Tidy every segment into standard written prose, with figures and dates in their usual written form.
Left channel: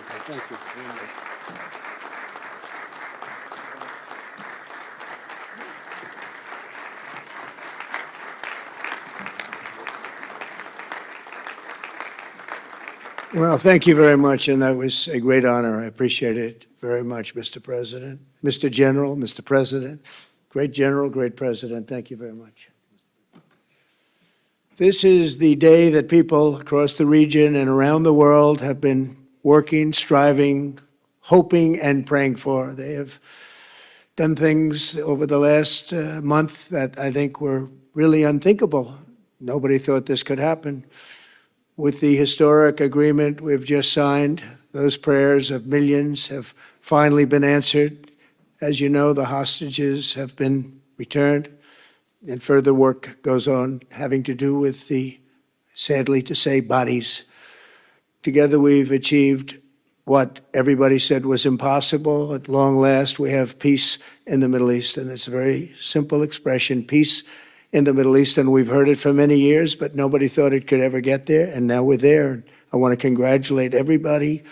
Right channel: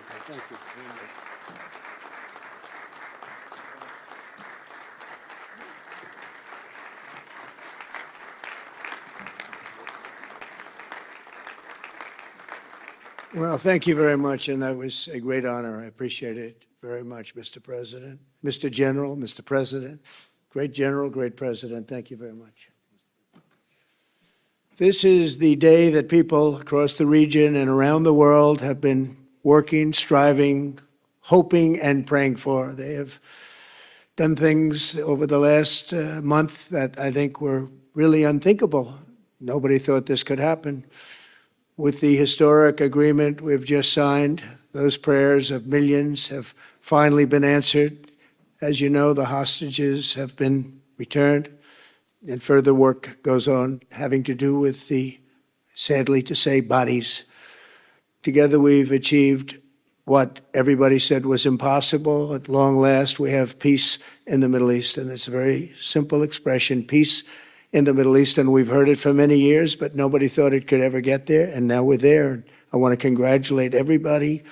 beautiful. Thank you very much. Well, thank you very much, and that was a great honor. I appreciate it very much, Mr. President. Mr. General, Mr. President, great General, great President, thank you very much. This is the day that people across the region and around the world have been working, striving, hoping, and praying for. They have done things over the last month that I think were really unthinkable. Nobody thought this could happen. With the historic agreement we've just signed, those prayers of millions have finally been answered. As you know, the hostages have been returned, and further work goes on having to do with the, sadly to say, bodies. Together we've achieved what everybody said was impossible. At long last, we have peace in the Middle East, and it's a very simple expression, peace in the Middle East, and we've heard it for many years, but nobody thought it could ever get there, and now we're there. I want to congratulate everybody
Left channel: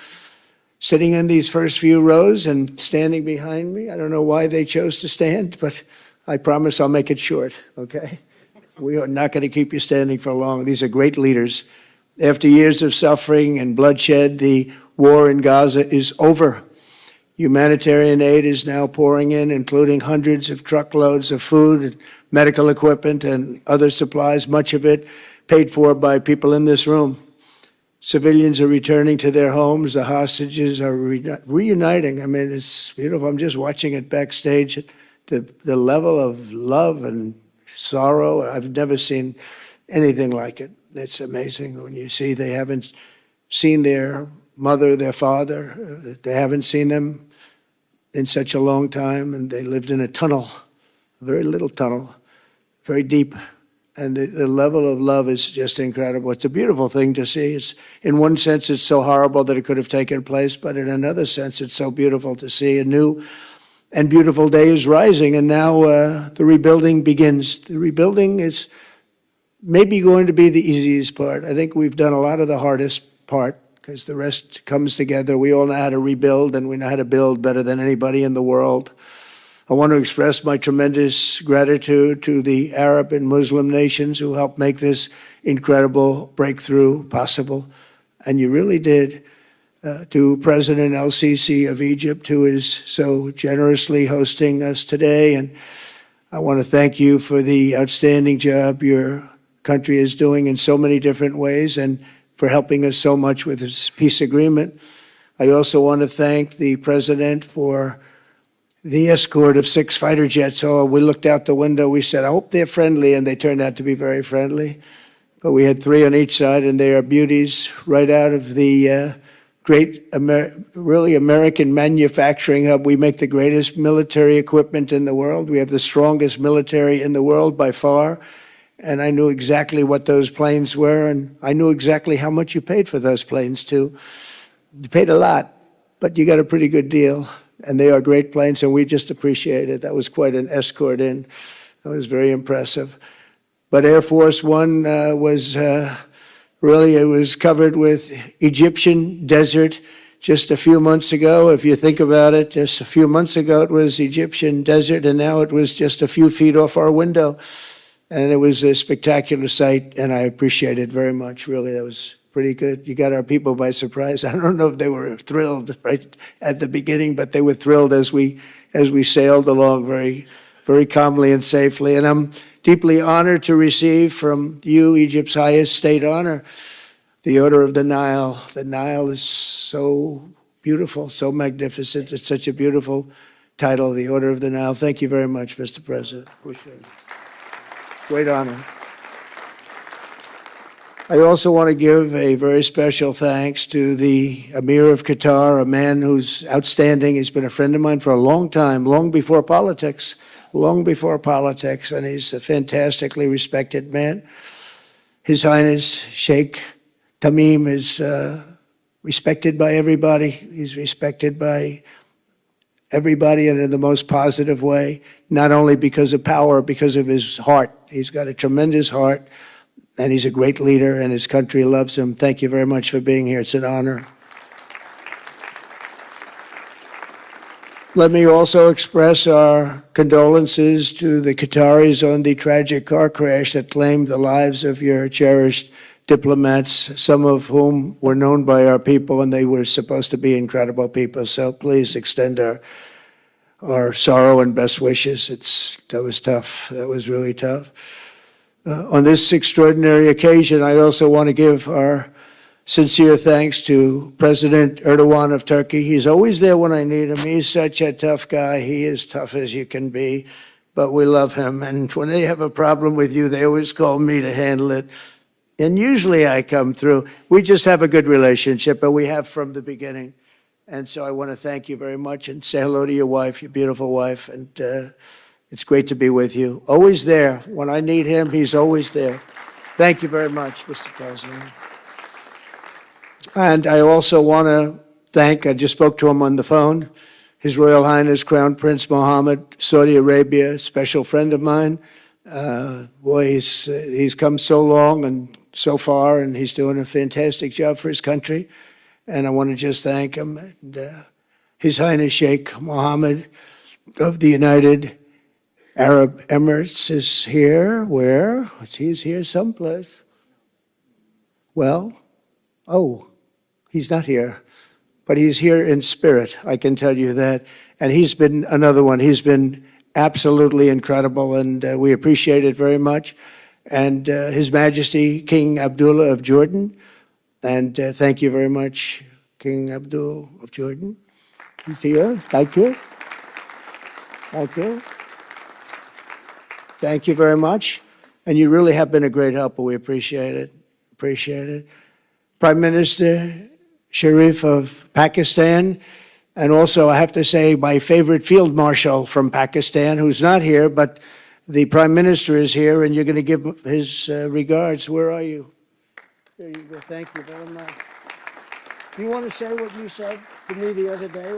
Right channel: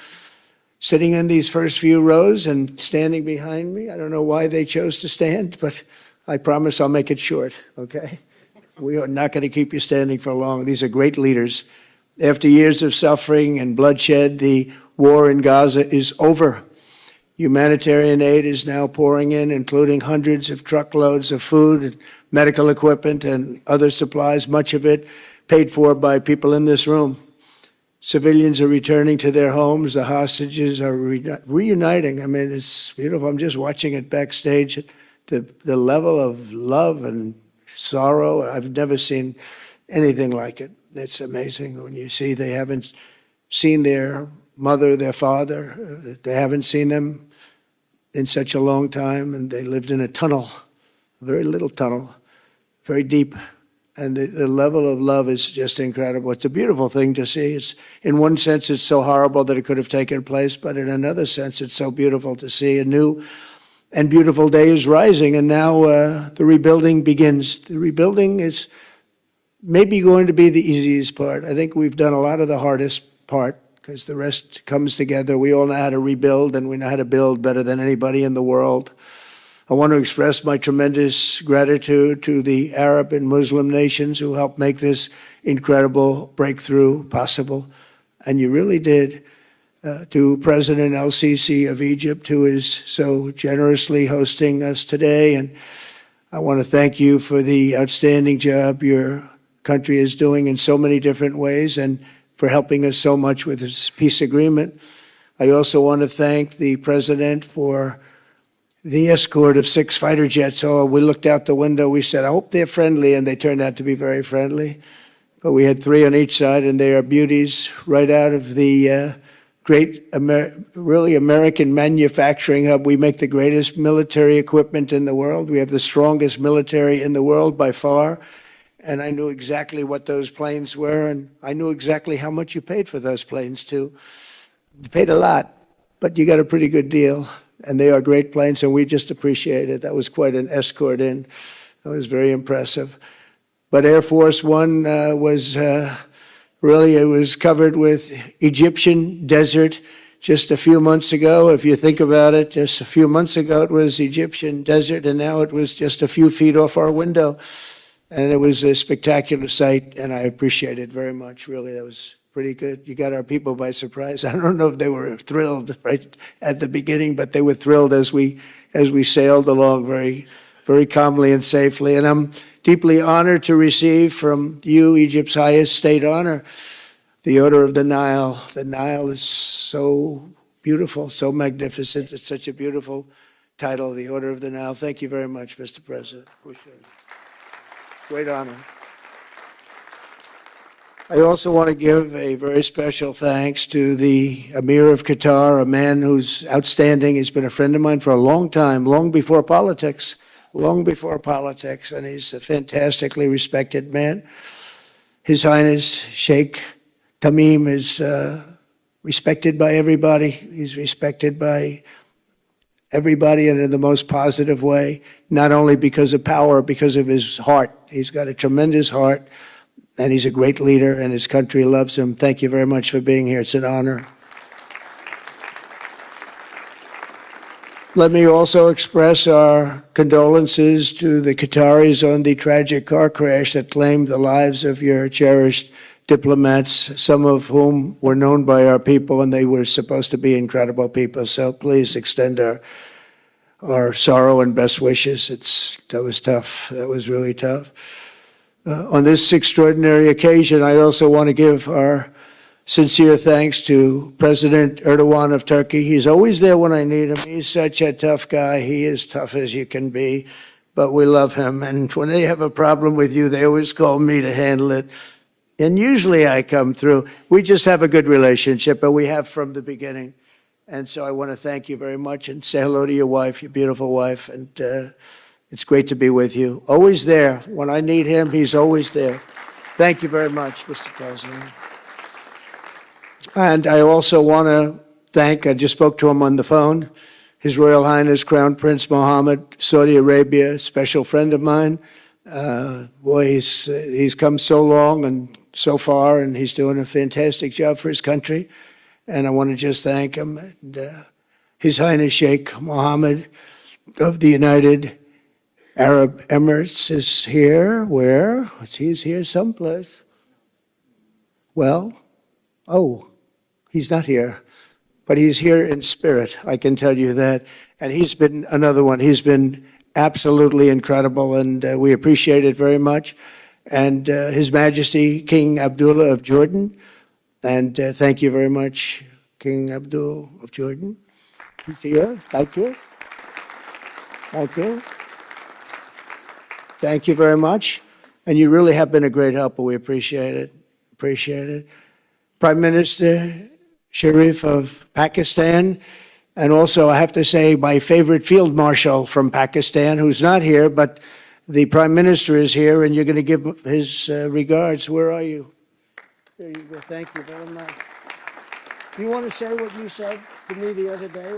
sitting in these first few rows and standing behind me. I don't know why they chose to stand, but I promise I'll make it short, okay? We are not going to keep you standing for long. These are great leaders. After years of suffering and bloodshed, the war in Gaza is over. Humanitarian aid is now pouring in, including hundreds of truckloads of food, medical equipment, and other supplies, much of it paid for by people in this room. Civilians are returning to their homes. The hostages are reuniting. I mean, it's beautiful. I'm just watching it backstage. The level of love and sorrow, I've never seen anything like it. It's amazing when you see they haven't seen their mother, their father. They haven't seen them in such a long time, and they lived in a tunnel, a very little tunnel, very deep, and the level of love is just incredible. It's a beautiful thing to see. It's, in one sense, it's so horrible that it could have taken place, but in another sense, it's so beautiful to see a new and beautiful day is rising, and now the rebuilding begins. The rebuilding is maybe going to be the easiest part. I think we've done a lot of the hardest part, because the rest comes together. We all know how to rebuild, and we know how to build better than anybody in the world. I want to express my tremendous gratitude to the Arab and Muslim nations who helped make this incredible breakthrough possible. And you really did. To President el-Sisi of Egypt, who is so generously hosting us today. And I want to thank you for the outstanding job your country is doing in so many different ways, and for helping us so much with this peace agreement. I also want to thank the President for the escort of 6 fighter jets. Oh, we looked out the window, we said, I hope they're friendly, and they turned out to be very friendly. But we had 3 on each side, and they are beauties right out of the great, really American manufacturing hub. We make the greatest military equipment in the world. We have the strongest military in the world by far. And I knew exactly what those planes were, and I knew exactly how much you paid for those planes, too. You paid a lot, but you got a pretty good deal. And they are great planes, and we just appreciate it. That was quite an escort in. That was very impressive. But Air Force One was really, it was covered with Egyptian desert just a few months ago. If you think about it, just a few months ago it was Egyptian desert, and now it was just a few feet off our window. And it was a spectacular sight, and I appreciate it very much. Really, that was pretty good. You got our people by surprise. I don't know if they were thrilled right at the beginning, but they were thrilled as we sailed along very, very calmly and safely. And I'm deeply honored to receive from you, Egypt's highest state honor, the Order of the Nile. The Nile is so beautiful, so magnificent. It's such a beautiful title, the Order of the Nile. Thank you very much, Mr. President. Appreciate it. Great honor. I also want to give a very special thanks to the Emir of Qatar, a man who's outstanding. He's been a friend of mine for a long time, long before politics, and he's a fantastically respected man. His Highness Sheikh Tamim is respected by everybody. He's respected by everybody, and in the most positive way, not only because of power, because of his heart. He's got a tremendous heart. And he's a great leader, and his country loves him. Thank you very much for being here. It's an honor. Let me also express our condolences to the Qataris on the tragic car crash that claimed the lives of your cherished diplomats, some of whom were known by our people, and they were supposed to be incredible people. So please extend our sorrow and best wishes. That was tough. That was really tough. On this extraordinary occasion, I also want to give our sincere thanks to President Erdogan of Turkey. He's always there when I need him. He's such a tough guy. He is tough as you can be, but we love him. And when they have a problem with you, they always call me to handle it. And usually I come through. We just have a good relationship, and we have from the beginning. And so I want to thank you very much and say hello to your wife, your beautiful wife. And it's great to be with you. Always there. When I need him, he's always there. Thank you very much, Mr. President. And I also want to thank, I just spoke to him on the phone, His Royal Highness Crown Prince Mohammed, Saudi Arabia, a special friend of mine. Boy, he's come so long and so far, and he's doing a fantastic job for his country. And I want to just thank him. And, His Highness Sheikh Mohammed of the United Arab Emirates is here. Where? He's here someplace. Well, he's not here, but he's here in spirit, I can tell you that. And he's been another one. He's been absolutely incredible, and we appreciate it very much. And His Majesty King Abdullah of Jordan, and thank you very much, King Abdul of Jordan. He's here. Thank you. Thank you. Thank you very much. And you really have been a great helper. We appreciate it. Appreciate it. Prime Minister Sharif of Pakistan, and also I have to say my favorite field marshal from Pakistan, who's not here, but the Prime Minister is here, and you're going to give his regards. Where are you? There you go. Thank you very much. Do you want to say what you said to me the other day?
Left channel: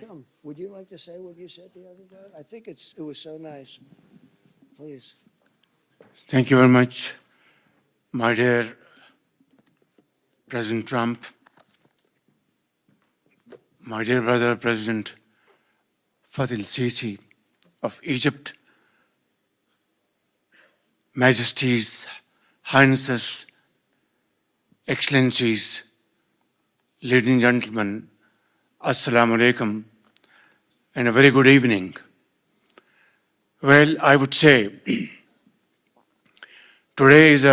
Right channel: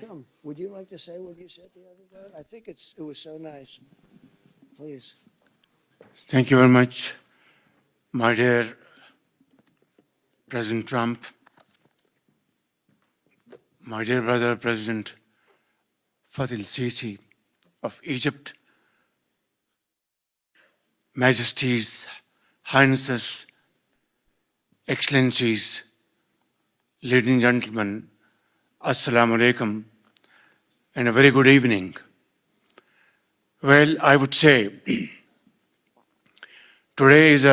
Come, would you like to say what you said the other day? I think it was so nice. Please. Thank you very much, my dear President Trump, my dear brother President Fathi al-Sisi of Egypt, Majesties, Highnesses, Excellencies, ladies and gentlemen, Assalamu alaikum, and a very good evening. Well, I would say today is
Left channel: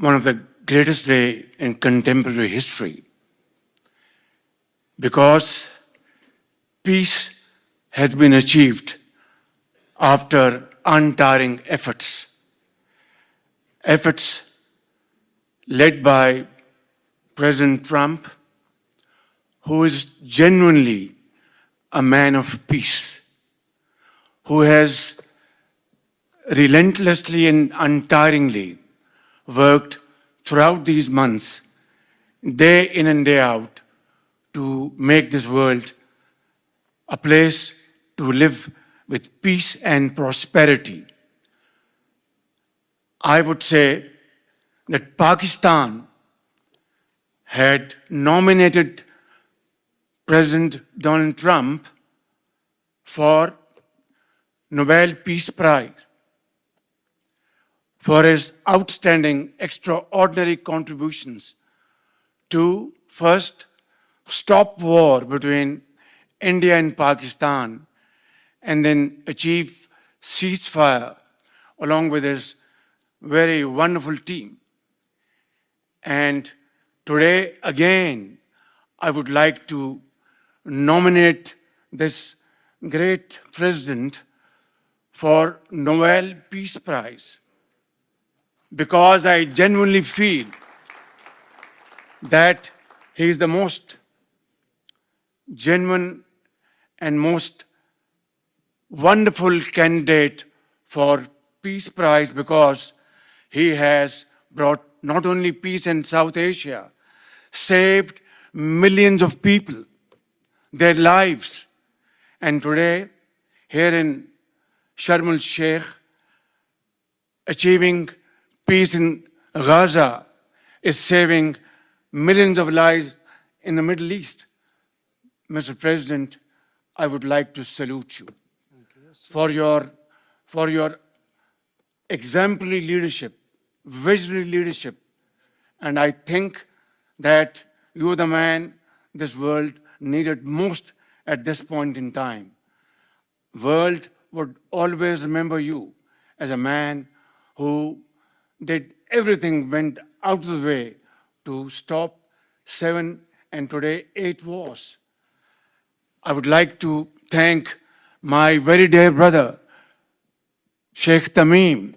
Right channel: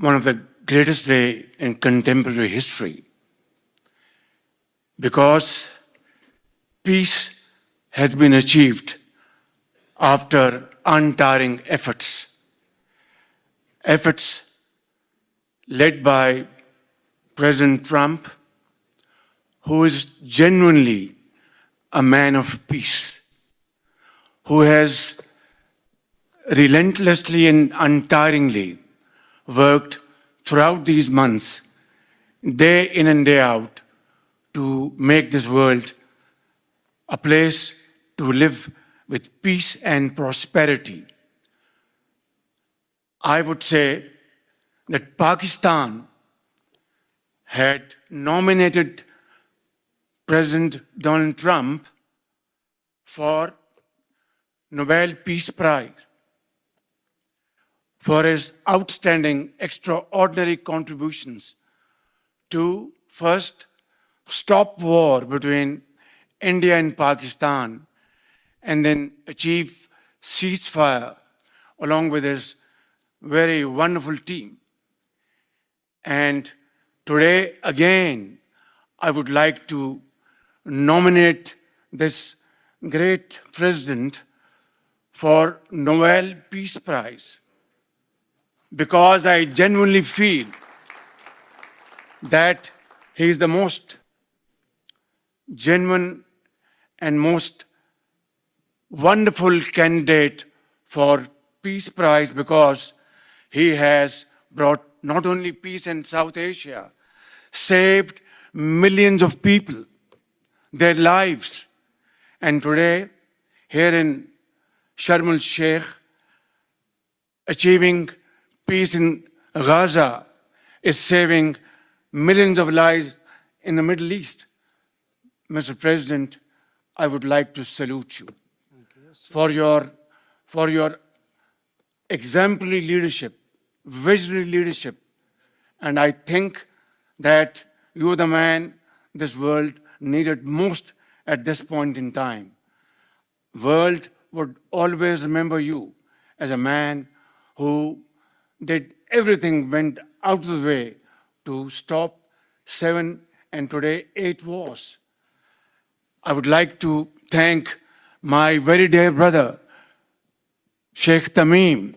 one of the greatest days in contemporary history, because peace has been achieved after untiring efforts led by President Trump, who is genuinely a man of peace, who has relentlessly and untiringly worked throughout these months, day in and day out, to make this world a place to live with peace and prosperity. I would say that Pakistan had nominated President Donald Trump for Nobel Peace Prize for his outstanding, extraordinary contributions to first stop war between India and Pakistan, and then achieve ceasefire along with his very wonderful team. And today, again, I would like to nominate this great president for Nobel Peace Prize, because I genuinely feel that he is the most genuine and most wonderful candidate for Peace Prize, because he has brought not only peace in South Asia, saved millions of people, their lives. And today, here in Sharm el-Sheikh, achieving peace in Gaza is saving millions of lives in the Middle East. Mr. President, I would like to salute you for your exemplary leadership, visionary leadership. And I think that you're the man this world needed most at this point in time. World would always remember you as a man who did everything, went out of the way to stop 7 and today 8 wars. I would like to thank my very dear brother, Sheikh Tamim.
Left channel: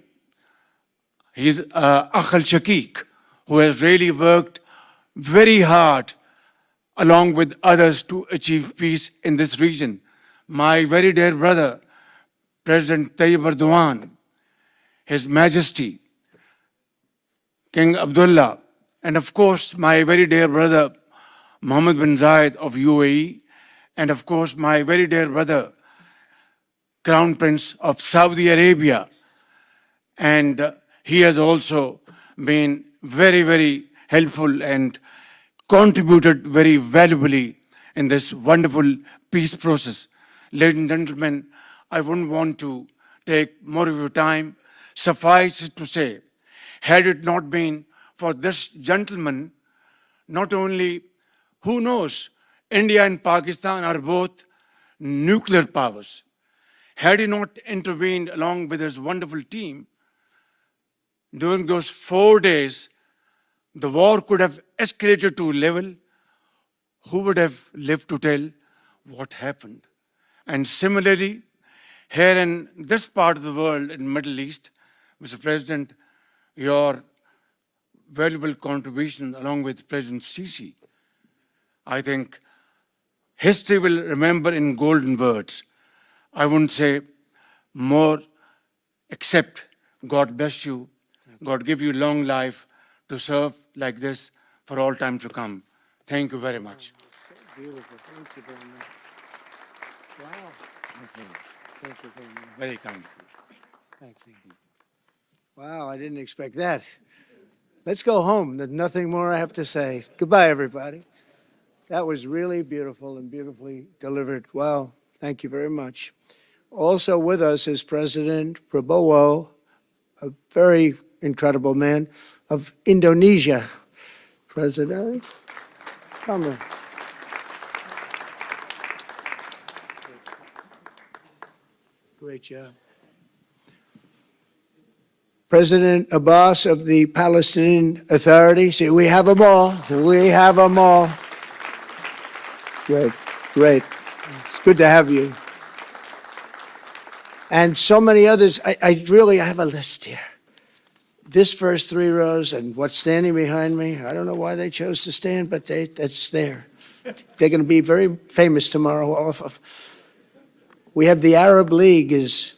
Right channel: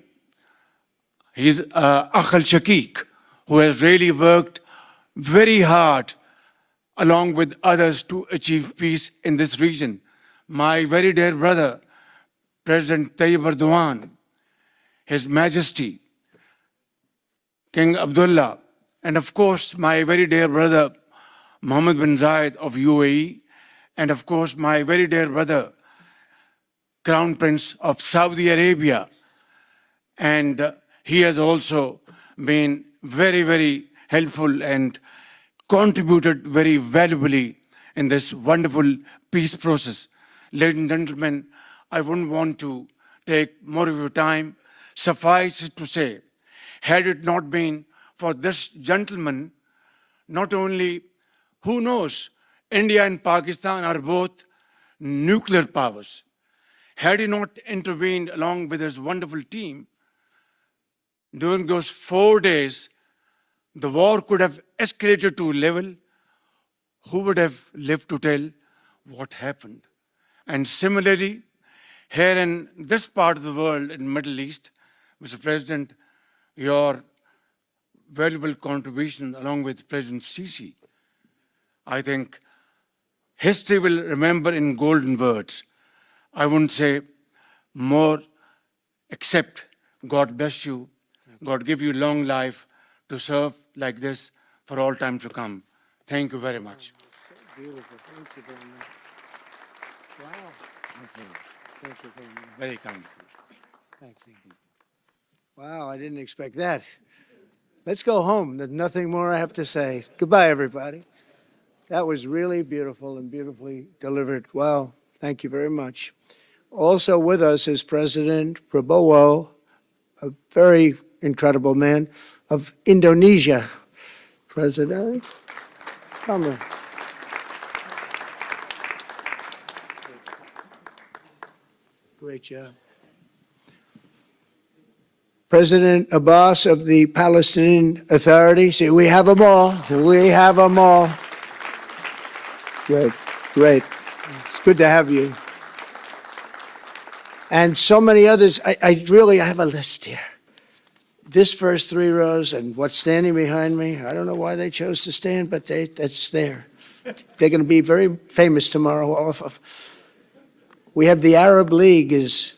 He's Akh al-Shaqiq, who has really worked very hard along with others to achieve peace in this region. My very dear brother, President Tayyip Erdogan, His Majesty, King Abdullah, and of course, my very dear brother, Mohammed bin Zayed of UAE, and of course, my very dear brother, Crown Prince of Saudi Arabia. And he has also been very, very helpful and contributed very valuably in this wonderful peace process. Ladies and gentlemen, I wouldn't want to take more of your time. Suffice it to say, had it not been for this gentleman, not only, who knows, India and Pakistan are both nuclear powers. Had he not intervened along with his wonderful team, during those 4 days, the war could have escalated to a level. Who would have lived to tell what happened? And similarly, here in this part of the world, in the Middle East, Mr. President, your valuable contribution along with President Sisi, I think history will remember in golden words. I wouldn't say more, except God bless you, God give you long life to serve like this for all time to come. Thank you very much. Beautiful. Thank you very much. Wow. Thank you very much. Very kind. Thank you. Wow, I didn't expect that. Let's go home. There's nothing more I have to say. Goodbye, everybody. That was really beautiful and beautifully delivered. Wow. Thank you very much. Also with us is President Prabowo, a very incredible man of Indonesia. President, come on. Great job. President Abbas of the Palestinian Authority. See, we have them all. We have them all. Great, great. It's good to have you. And so many others. I really have a list here. This first 3 rows and what's standing behind me, I don't know why they chose to stand, but that's there. They're going to be very famous tomorrow. Also, we have the Arab League is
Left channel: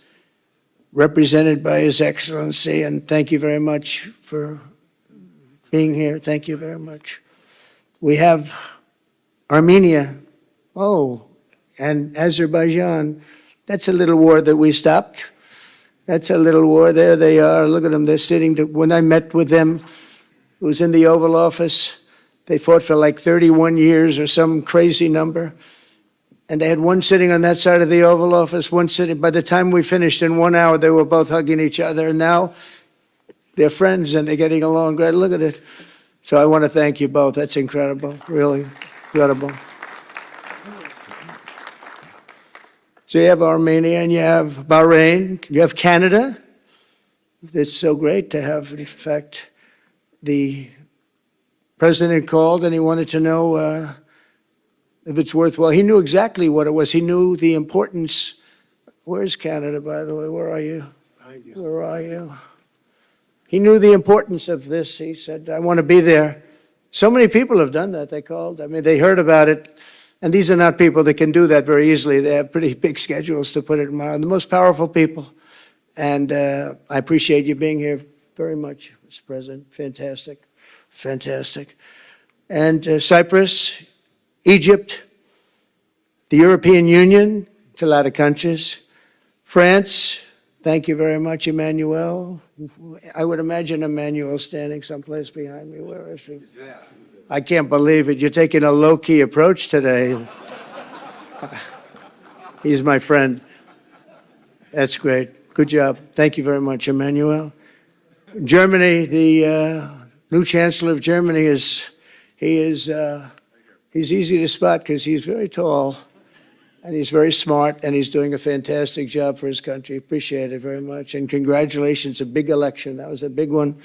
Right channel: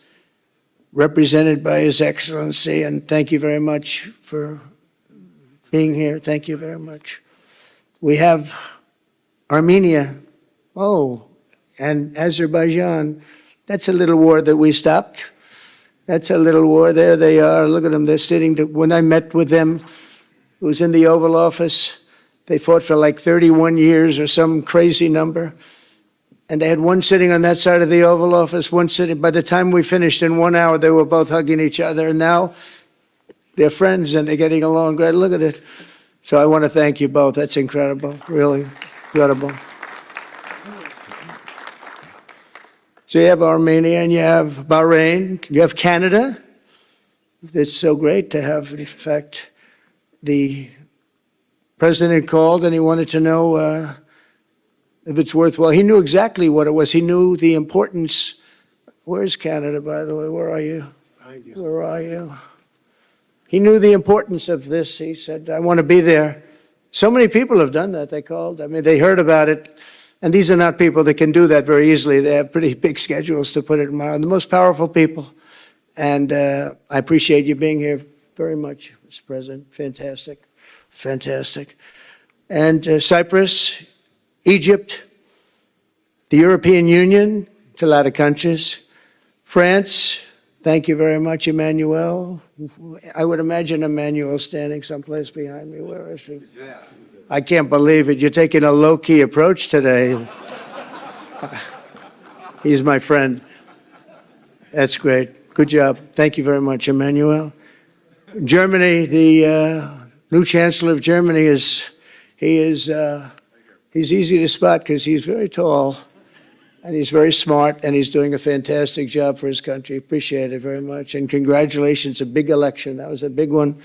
represented by His Excellency, and thank you very much for being here. Thank you very much. We have Armenia, and Azerbaijan. That's a little war that we stopped. That's a little war. There they are. Look at them. They're sitting. When I met with them, it was in the Oval Office. They fought for like 31 years or some crazy number. And they had one sitting on that side of the Oval Office, one sitting. By the time we finished in 1 hour, they were both hugging each other. And now they're friends and they're getting along great. Look at it. So I want to thank you both. That's incredible. Really incredible. So you have Armenia and you have Bahrain, you have Canada. It's so great to have, in fact, the president called and he wanted to know if it's worthwhile. He knew exactly what it was. He knew the importance. Where's Canada, by the way? Where are you? Where are you? He knew the importance of this. He said, I want to be there. So many people have done that, they called. I mean, they heard about it. And these are not people that can do that very easily. They have pretty big schedules to put it on. The most powerful people. And I appreciate you being here very much, Mr. President. Fantastic. Fantastic. And Cyprus, Egypt, the European Union, it's a lot of countries. France, thank you very much, Emmanuel. I would imagine Emmanuel standing someplace behind me. Where is he? I can't believe it. You're taking a low-key approach today. He's my friend. That's great. Good job. Thank you very much, Emmanuel. Germany, the new Chancellor of Germany he's easy to spot because he's very tall and he's very smart and he's doing a fantastic job for his country. Appreciate it very much. And congratulations, a big election. That was a big one.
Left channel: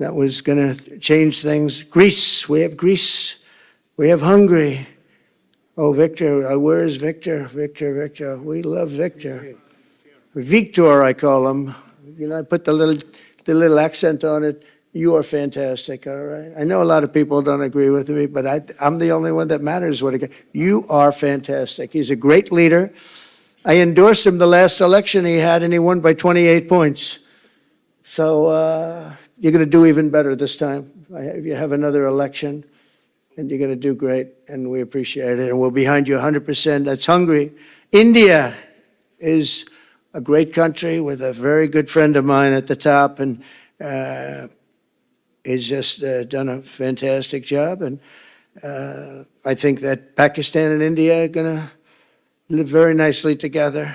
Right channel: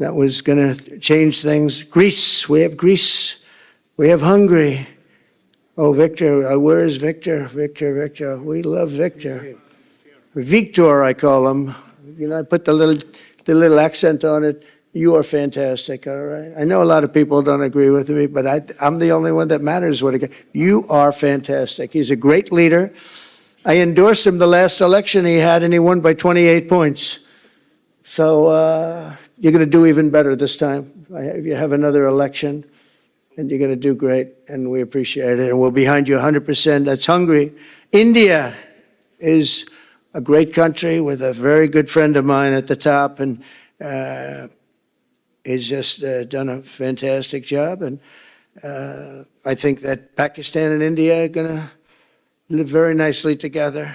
That was going to change things. Greece, we have Greece. We have Hungary. Oh, Victor, where is Victor? Victor. We love Victor. Victor, I call him. You know, I put the little accent on it. You are fantastic, all right? I know a lot of people don't agree with me, but I'm the only one that matters. You are fantastic. He's a great leader. I endorsed him the last election he had, and he won by 28 points. So you're going to do even better this time. You have another election, and you're going to do great, and we appreciate it, and we're behind you 100%. That's Hungary. India is a great country with a very good friend of mine at the top, and he's just done a fantastic job. And I think that Pakistan and India are going to live very nicely together,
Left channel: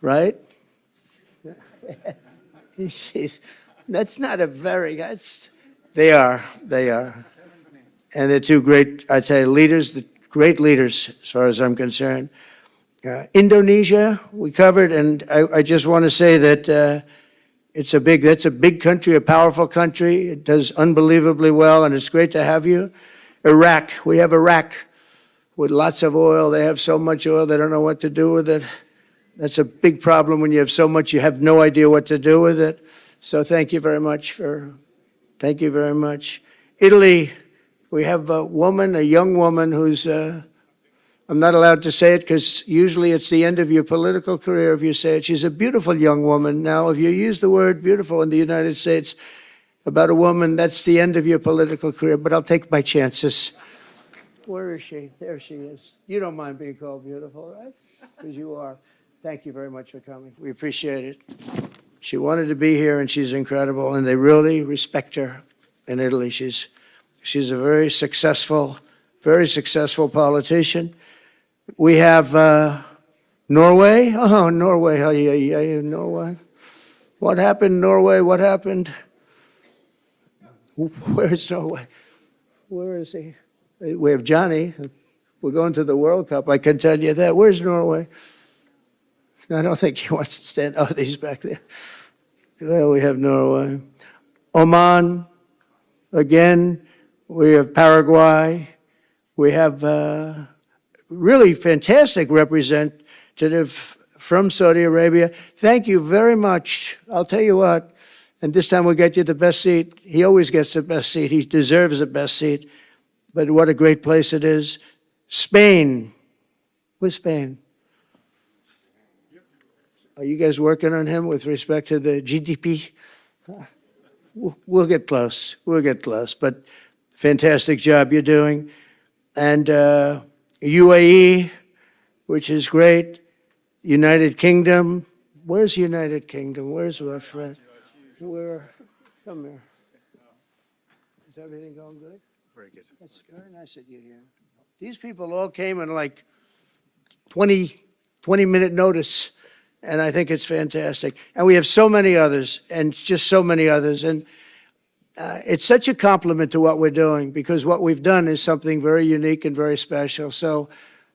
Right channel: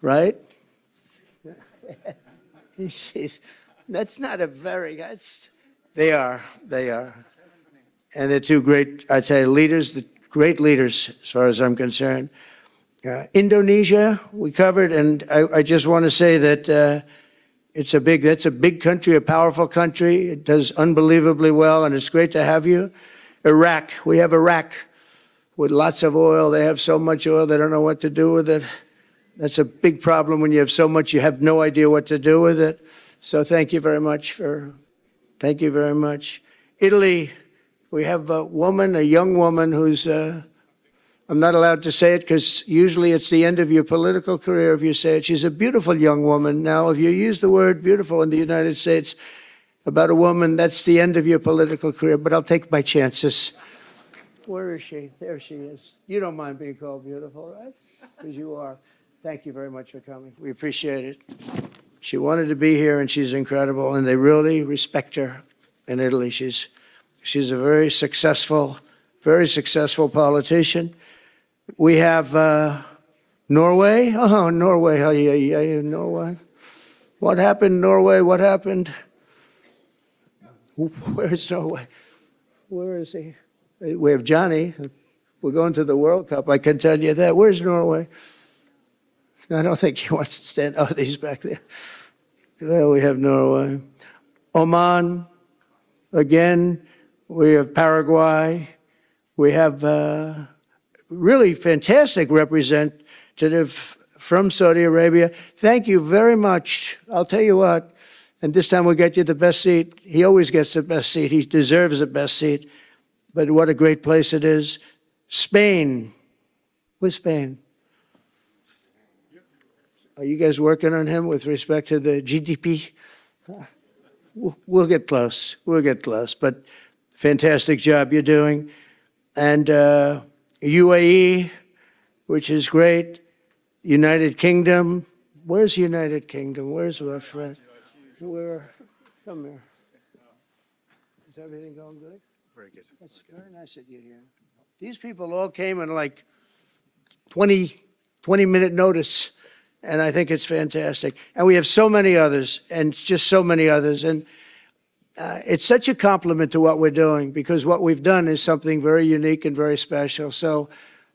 right? That's not a very, they are. And they're two great, I'd say, leaders, great leaders as far as I'm concerned. Indonesia, we covered, and I just want to say that that's a big country, a powerful country. It does unbelievably well, and it's great to have you. Iraq, we have Iraq with lots of oil. They have so much oil, they don't know what to do with it. That's a big problem when you have so much, you have no idea what to do with it. So thank you very much. Italy, we have a young woman who's, I'm not allowed to say it because usually it's the end of your political career if you say it. She's a beautiful young woman. Now, if you use the word beautiful in the United States about a woman, that's the end of your political career, but I'll take my chances. Where is she? There she is. You don't mind being called beautiful, right? Because you are. Thank you very much for coming. We appreciate it. She wanted to be here, and she's incredible, and they really respect her in Italy. She's a very successful politician. We have Norway. Oh, Norway. Norway. What happened, Norway? What happened? Where's Norway? Where is he? We have Johnny. We're going to the World Cup. I can tell you that. Where's Norway? I don't think he wants to stand. Oh, he's back there. There we have Norway. Oman. Again, we have Paraguay. We have really fantastic representative from Saudi Arabia. Thank you very much. I'll tell you what, and this time we'll get you the best seat. He always gets the best seat. He deserves the best seat. But what a great place it is. Spain. Where's Spain? Are you guys working on him with respect to the GDP? We'll get close. But fantastic job you're doing. And UAE, which is great. United Kingdom. Where's United Kingdom? Where's our friend? Come here. Is everything going good? Very good. That's very nice of you here. These people all came in like 20-minute notice, and I think it's fantastic. And we have so many others, and just so many others. And it's such a compliment to what we're doing, because what we've done is something very unique and very special. So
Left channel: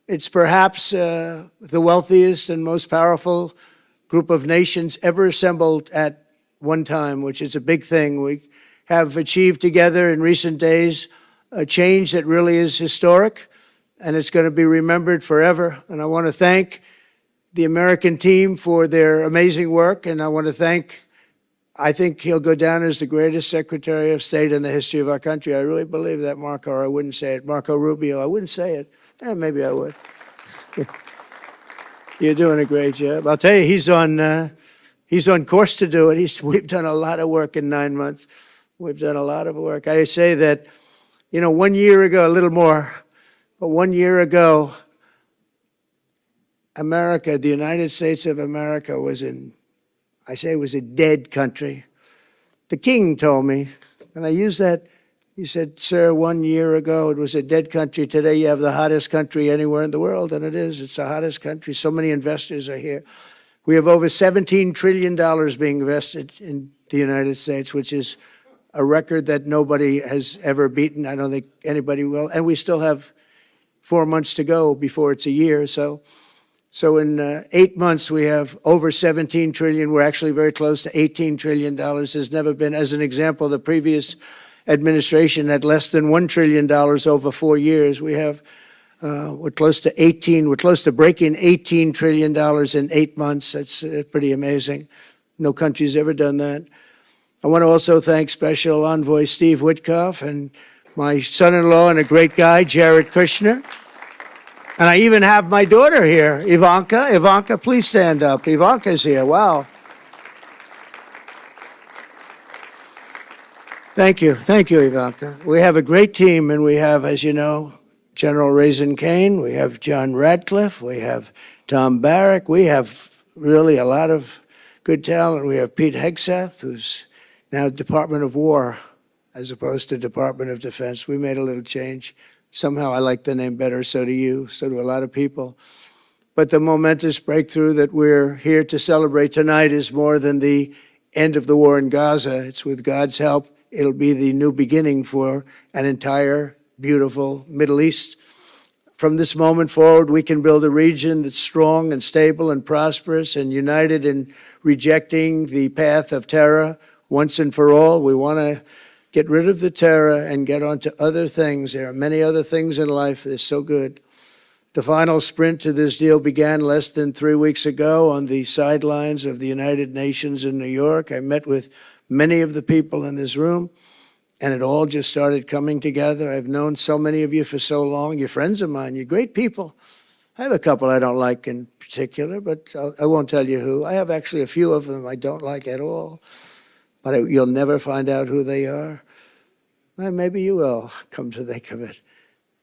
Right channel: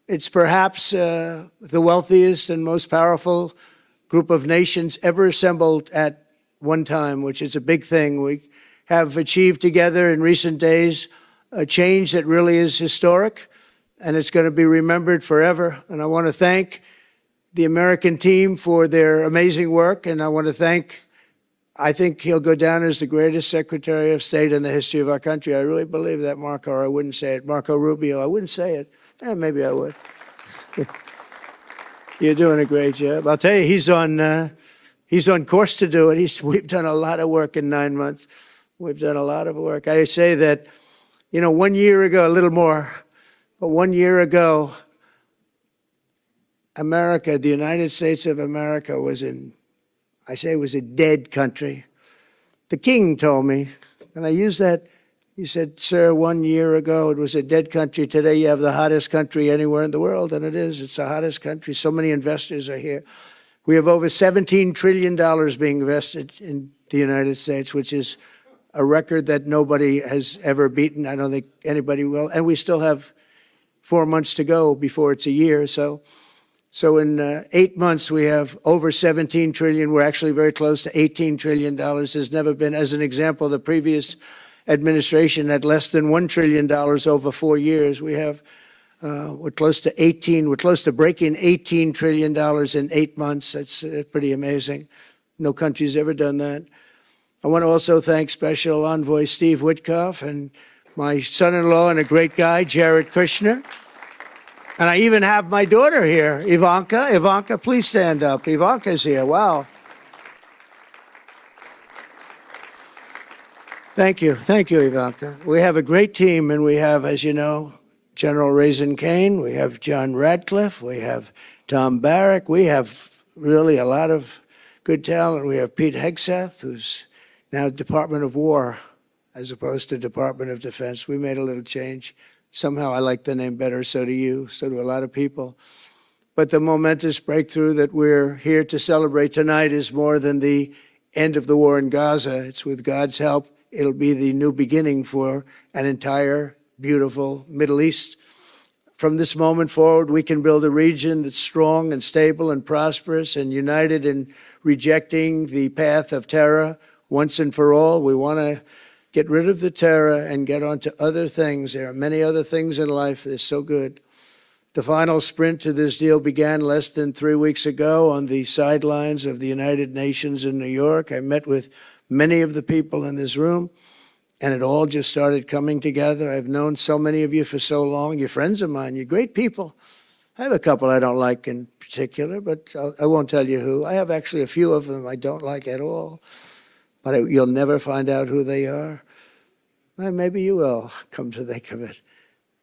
it's perhaps the wealthiest and most powerful group of nations ever assembled at one time, which is a big thing. We have achieved together in recent days a change that really is historic, and it's going to be remembered forever. And I want to thank the American team for their amazing work, and I think he'll go down as the greatest Secretary of State in the history of our country. I really believe that, Marco, or I wouldn't say it. Marco Rubio, I wouldn't say it. Maybe I would. You're doing a great job. I'll tell you, he's on course to do it. We've done a lot of work in 9 months. We've done a lot of work. I say that, 1 year ago, a little more, but 1 year ago, America, the United States of America was it was a dead country. The king told me, and I use that He said, sir, 1 year ago it was a dead country. Today you have the hottest country anywhere in the world, and it is. It's the hottest country. So many investors are here. We have over $17 trillion being invested in the United States, which is a record that nobody has ever beaten. I don't think anybody will. And we still have 4 months to go before it's a year. So in 8 months, we have over 17 trillion. We're actually very close to $18 trillion. There's never been, as an example, the previous administration had less than $1 trillion over 4 years. We have, we're close to breaking $18 trillion in 8 months. That's pretty amazing. No country's ever done that. I want to also thank Special Envoy Steve Witkoff and my son-in-law and a great guy, Jared Kushner. And I even have my daughter here, Ivanka. Ivanka, please stand up. Ivanka's here. Wow. Thank you. Thank you, Ivanka. We have a great team, and we have, as you know, General Raisin Kane. We have John Radcliffe. We have Tom Barrack. We have really a lot of good talent. We have Pete Hegseth, who's now Department of War as opposed to Department of Defense. We made a little change. Somehow I like the name better, so do you, so do a lot of people. But the momentous breakthrough that we're here to celebrate tonight is more than the end of the war in Gaza. It's with God's help. It'll be the new beginning for an entire beautiful Middle East. From this moment forward, we can build a region that's strong and stable and prosperous and united in rejecting the path of terror once and for all. We want to get rid of the terror and get on to other things. There are many other things in life that are so good. The final sprint to this deal began less than 3 weeks ago on the sidelines of the United Nations in New York. I met with many of the people in this room, and it all just started coming together. I've known so many of you for so long. You're friends of mine. You're great people. I have a couple I don't like in particular, but I won't tell you who. I have actually a few of them I don't like at all, but you'll never find out who they are. Well, maybe you will, come to think of it.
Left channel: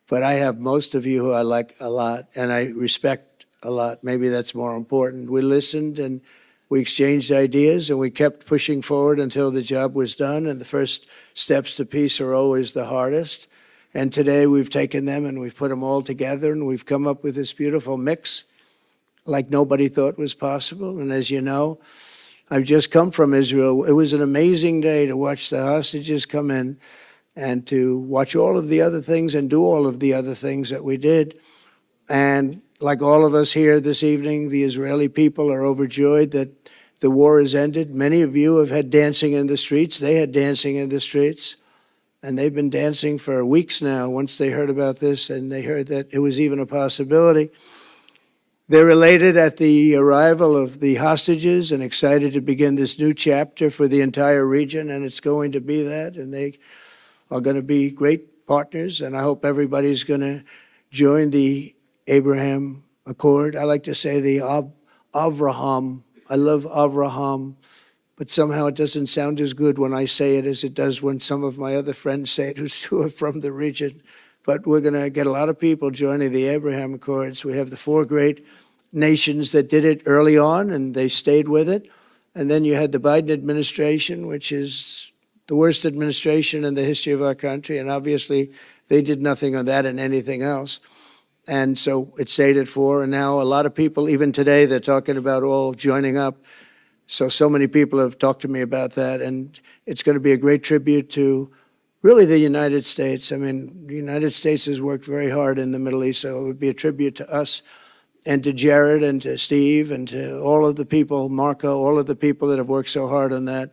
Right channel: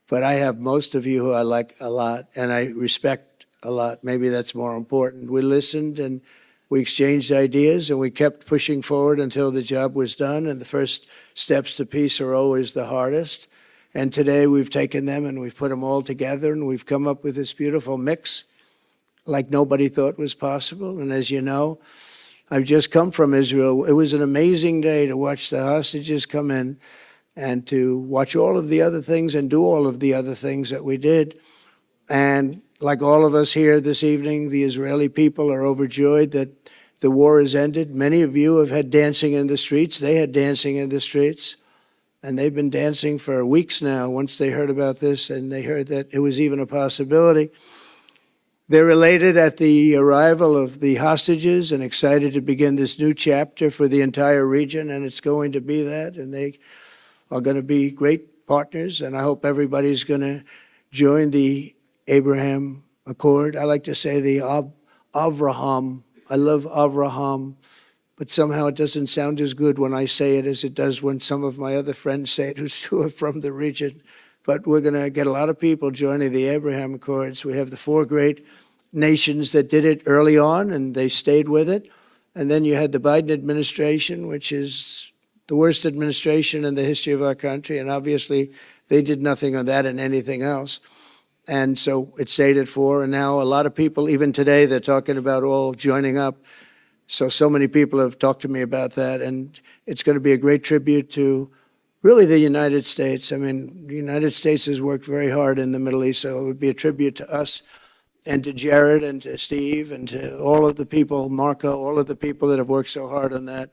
But I have most of you who I like a lot, and I respect a lot. Maybe that's more important. We listened, and we exchanged ideas, and we kept pushing forward until the job was done, and the first steps to peace are always the hardest. And today we've taken them and we've put them all together, and we've come up with this beautiful mix like nobody thought was possible. And as you know, I've just come from Israel. It was an amazing day to watch the hostages come in and to watch all of the other things and do all of the other things that we did. And like all of us here this evening, the Israeli people are overjoyed that the war has ended. Many of you have had dancing in the streets. They had dancing in the streets. And they've been dancing for weeks now once they heard about this and they heard that it was even a possibility. They're elated at the arrival of the hostages and excited to begin this new chapter for the entire region, and it's going to be that, and they are going to be great partners, and I hope everybody's going to join the Abraham Accord. I like to say the Avraham. I love Avraham, but somehow it doesn't sound as good when I say it as it does when some of my other friends say it who are from the region. But we're going to get a lot of people joining the Abraham Accords. We have the 4 great nations that did it early on, and they stayed with it. And then you had the Biden administration, which is the worst administration in the history of our country. And obviously, they did nothing on that and anything else. And so it stayed at 4. And now a lot of people, even today, they're talking about all joining up. So many people have talked to me about that. And it's going to be a great tribute to really the United States. I mean, the United States has worked very hard in the Middle East, so it would be a tribute to us and to Jared and to Steve and to all of the people, Marco, all of the people that have worked so hard on that.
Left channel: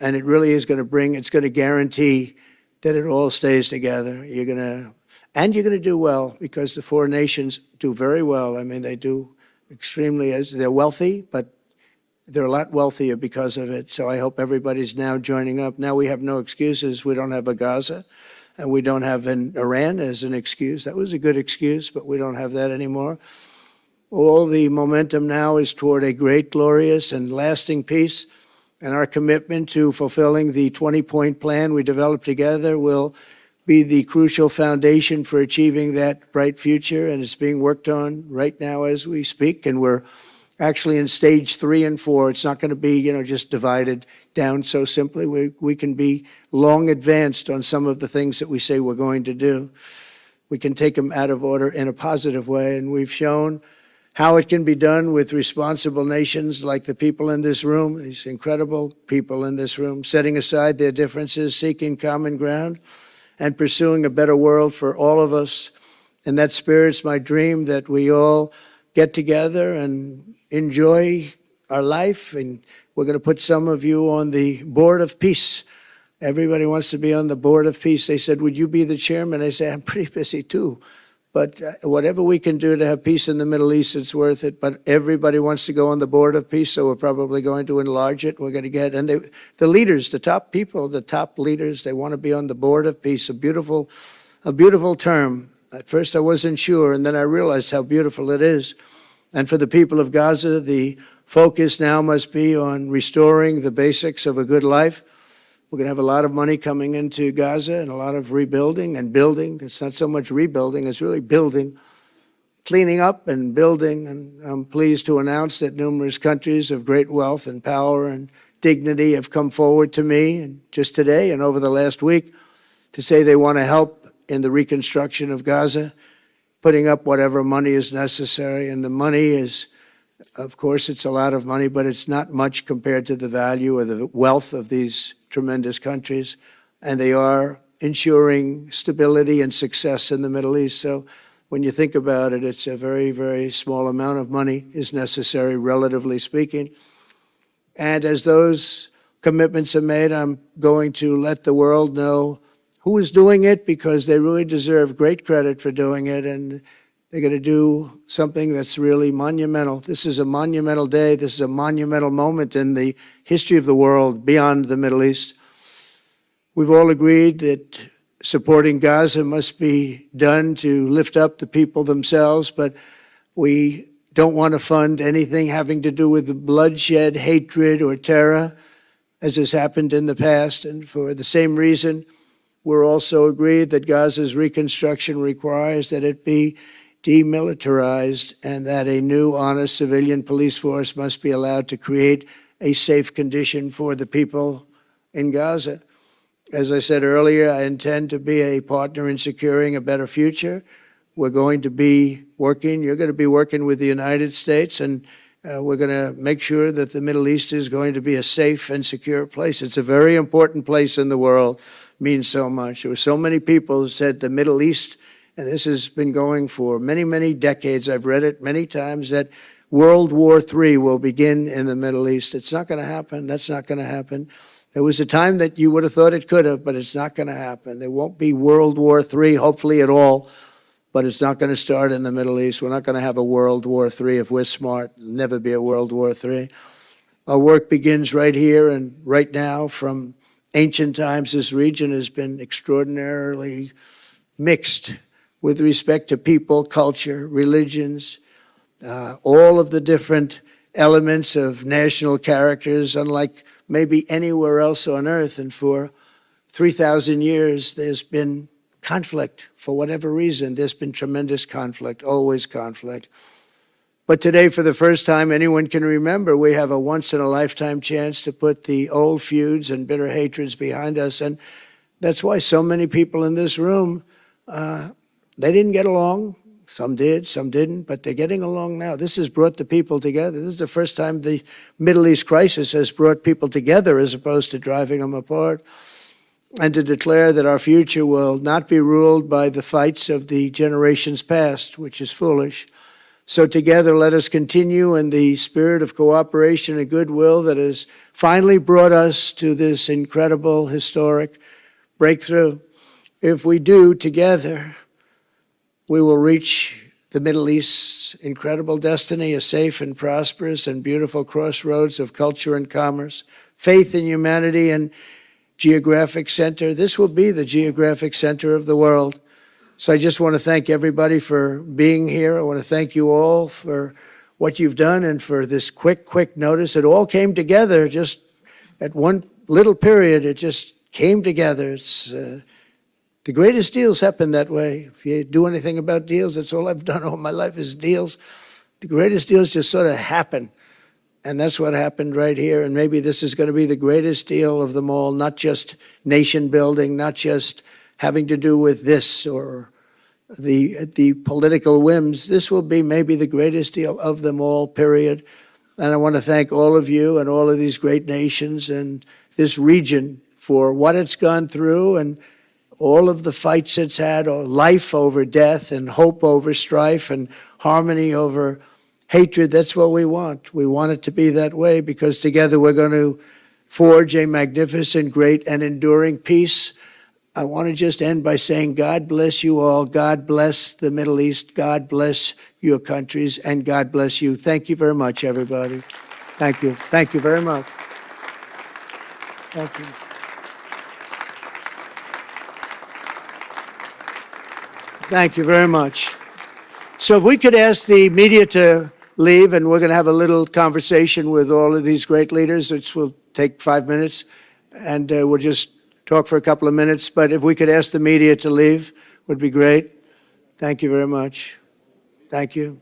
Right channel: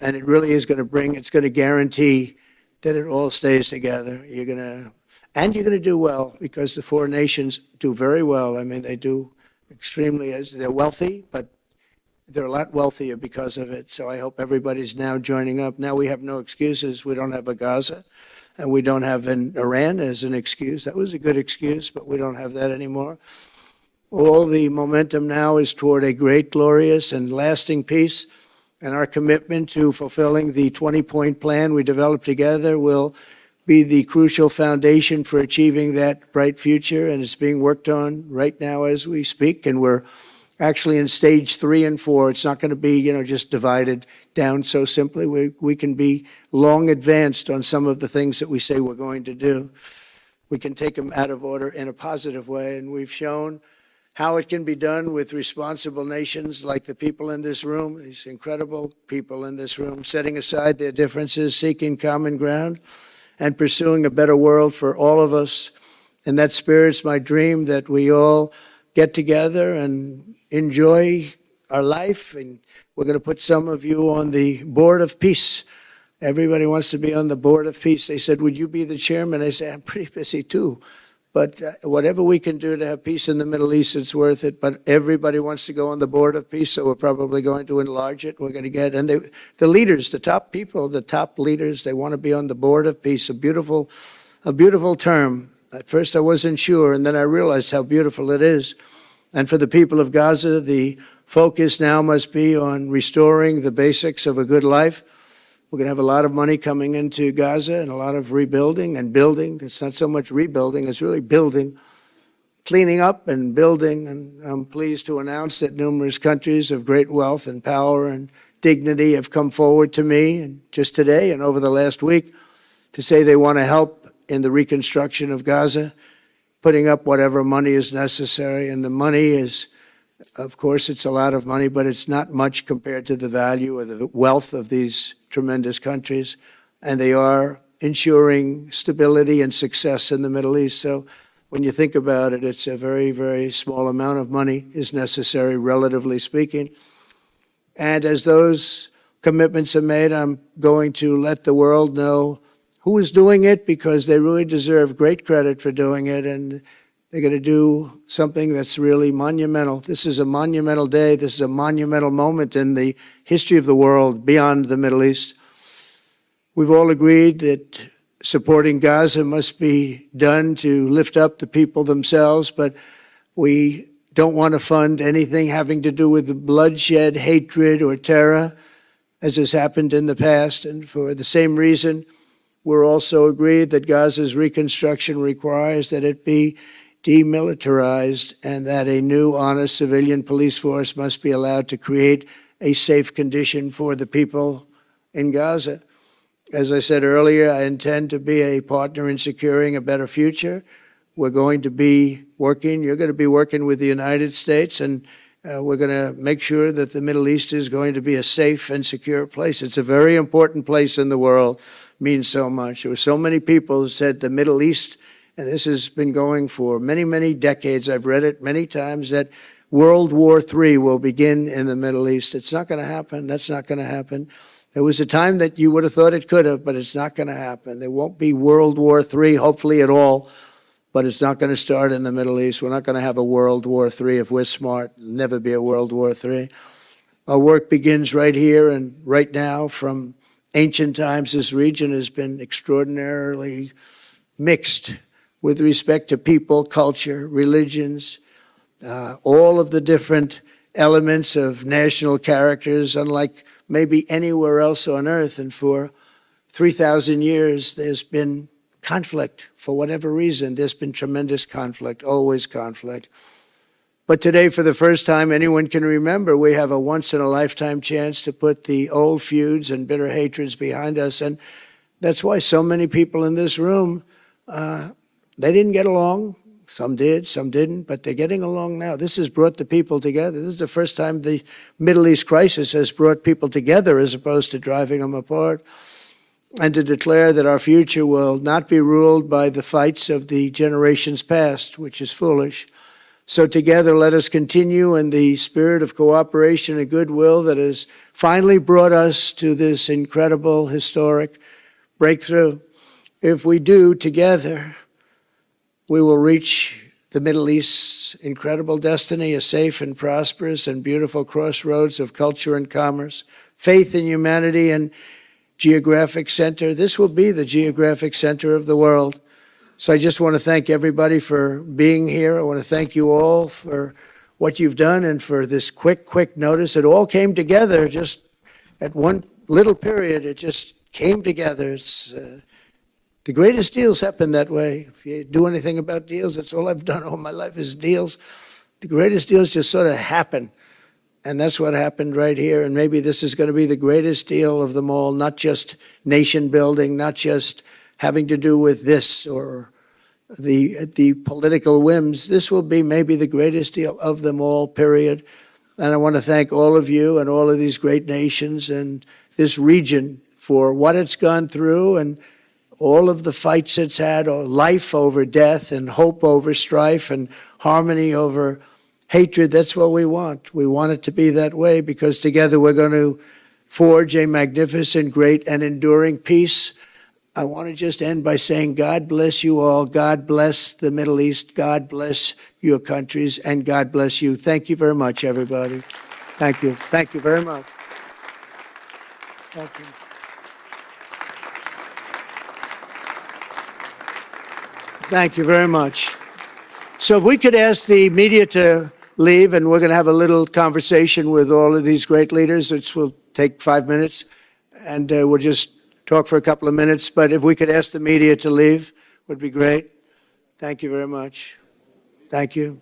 And it really is going to it's going to guarantee that it all stays together. You're going to do well, because the 4 nations do very well. I mean, they do extremely, as they're wealthy, but they're a lot wealthier because of it. So I hope everybody's now joining up. Now we have no excuses. We don't have a Gaza, and we don't have an Iran as an excuse. That was a good excuse, but we don't have that anymore. All the momentum now is toward a great, glorious, and lasting peace. And our commitment to fulfilling the 20-point plan we developed together will be the crucial foundation for achieving that bright future. And it's being worked on right now as we speak. And we're actually in stage 3 and 4. It's not going to be, just divided down so simply. We can be long advanced on some of the things that we say we're going to do. We can take them out of order in a positive way, and we've shown how it can be done with responsible nations like the people in this room, these incredible people in this room, setting aside their differences, seeking common ground, and pursuing a better world for all of us. And that spirit's my dream, that we all get together and enjoy our life. And we're going to put some of you on the Board of Peace. Everybody wants to be on the Board of Peace. They said, would you be the chairman? I say, I'm pretty busy too. But whatever we can do to have peace in the Middle East, it's worth it. But everybody wants to go on the Board of Peace, so we're probably going to enlarge it. We're going to get, and the leaders, the top people, the top leaders, they want to be on the Board of Peace. A beautiful term. At first I wasn't sure, and then I realized how beautiful it is. And for the people of Gaza, the focus now must be on restoring the basics of a good life. We're going to have a lot of money coming into Gaza and a lot of rebuilding and building. It's not so much rebuilding, it's really building, cleaning up and building. And I'm pleased to announce that numerous countries of great wealth and power and dignity have come forward to me, and just today and over the last week, to say they want to help in the reconstruction of Gaza, putting up whatever money is necessary. And the money is, of course, it's a lot of money, but it's not much compared to the value or the wealth of these tremendous countries, and they are ensuring stability and success in the Middle East. So when you think about it, it's a very, very small amount of money is necessary, relatively speaking. And as those commitments are made, I'm going to let the world know who is doing it, because they really deserve great credit for doing it, and they're going to do something that's really monumental. This is a monumental day. This is a monumental moment in the history of the world beyond the Middle East. We've all agreed that supporting Gaza must be done to lift up the people themselves, but we don't want to fund anything having to do with bloodshed, hatred, or terror, as has happened in the past. And for the same reason, we're also agreed that Gaza's reconstruction requires that it be demilitarized, and that a new, honest civilian police force must be allowed to create a safe condition for the people in Gaza. As I said earlier, I intend to be a partner in securing a better future. We're going to be working, you're going to be working with the United States, and we're going to make sure that the Middle East is going to be a safe and secure place. It's a very important place in the world, means so much. There were so many people who said the Middle East, and this has been going for many, many decades. I've read it many times, that World War III will begin in the Middle East. It's not going to happen. That's not going to happen. There was a time that you would have thought it could have, but it's not going to happen. There won't be World War III, hopefully at all, but it's not going to start in the Middle East. We're not going to have a World War III if we're smart. There'll never be a World War III. Our work begins right here and right now. From ancient times, this region has been extraordinarily mixed with respect to people, culture, religions, all of the different elements of national characters, unlike maybe anywhere else on earth. And for 3,000 years, there's been conflict. For whatever reason, there's been tremendous conflict, always conflict. But today, for the first time anyone can remember, we have a once-in-a-lifetime chance to put the old feuds and bitter hatreds behind us. And that's why so many people in this room, they didn't get along. Some did, some didn't, but they're getting along now. This has brought the people together. This is the first time the Middle East crisis has brought people together as opposed to driving them apart. And to declare that our future will not be ruled by the fights of the generations past, which is foolish. So together, let us continue in the spirit of cooperation and goodwill that has finally brought us to this incredible, historic breakthrough. If we do, together, we will reach the Middle East's incredible destiny, a safe and prosperous and beautiful crossroads of culture and commerce, faith in humanity and geographic center. This will be the geographic center of the world. So I just want to thank everybody for being here. I want to thank you all for what you've done and for this quick notice. It all came together just at one little period. It just came together. It's the greatest deals happen that way. If you do anything about deals, that's all I've done all my life is deals. The greatest deals just sort of happen. And that's what happened right here. And maybe this is going to be the greatest deal of them all, not just nation building, not just having to do with this or the political whims. This will be maybe the greatest deal of them all, period. And I want to thank all of you and all of these great nations and this region for what it's gone through and all of the fights it's had, or life over death and hope over strife and harmony over hatred. That's what we want. We want it to be that way because together we're going to forge a magnificent, great, and enduring peace. I want to just end by saying God bless you all. God bless the Middle East. God bless your countries, and God bless you. Thank you very much, everybody. Thank you. Thank you very much. Thank you. Thank you very much. So if we could ask the media to leave, and we're going to have a little conversation with all of these great leaders, which will take 5 minutes, and we'll just talk for a couple of minutes. But if we could ask the media to leave, would be great. Thank you very much. Thank you.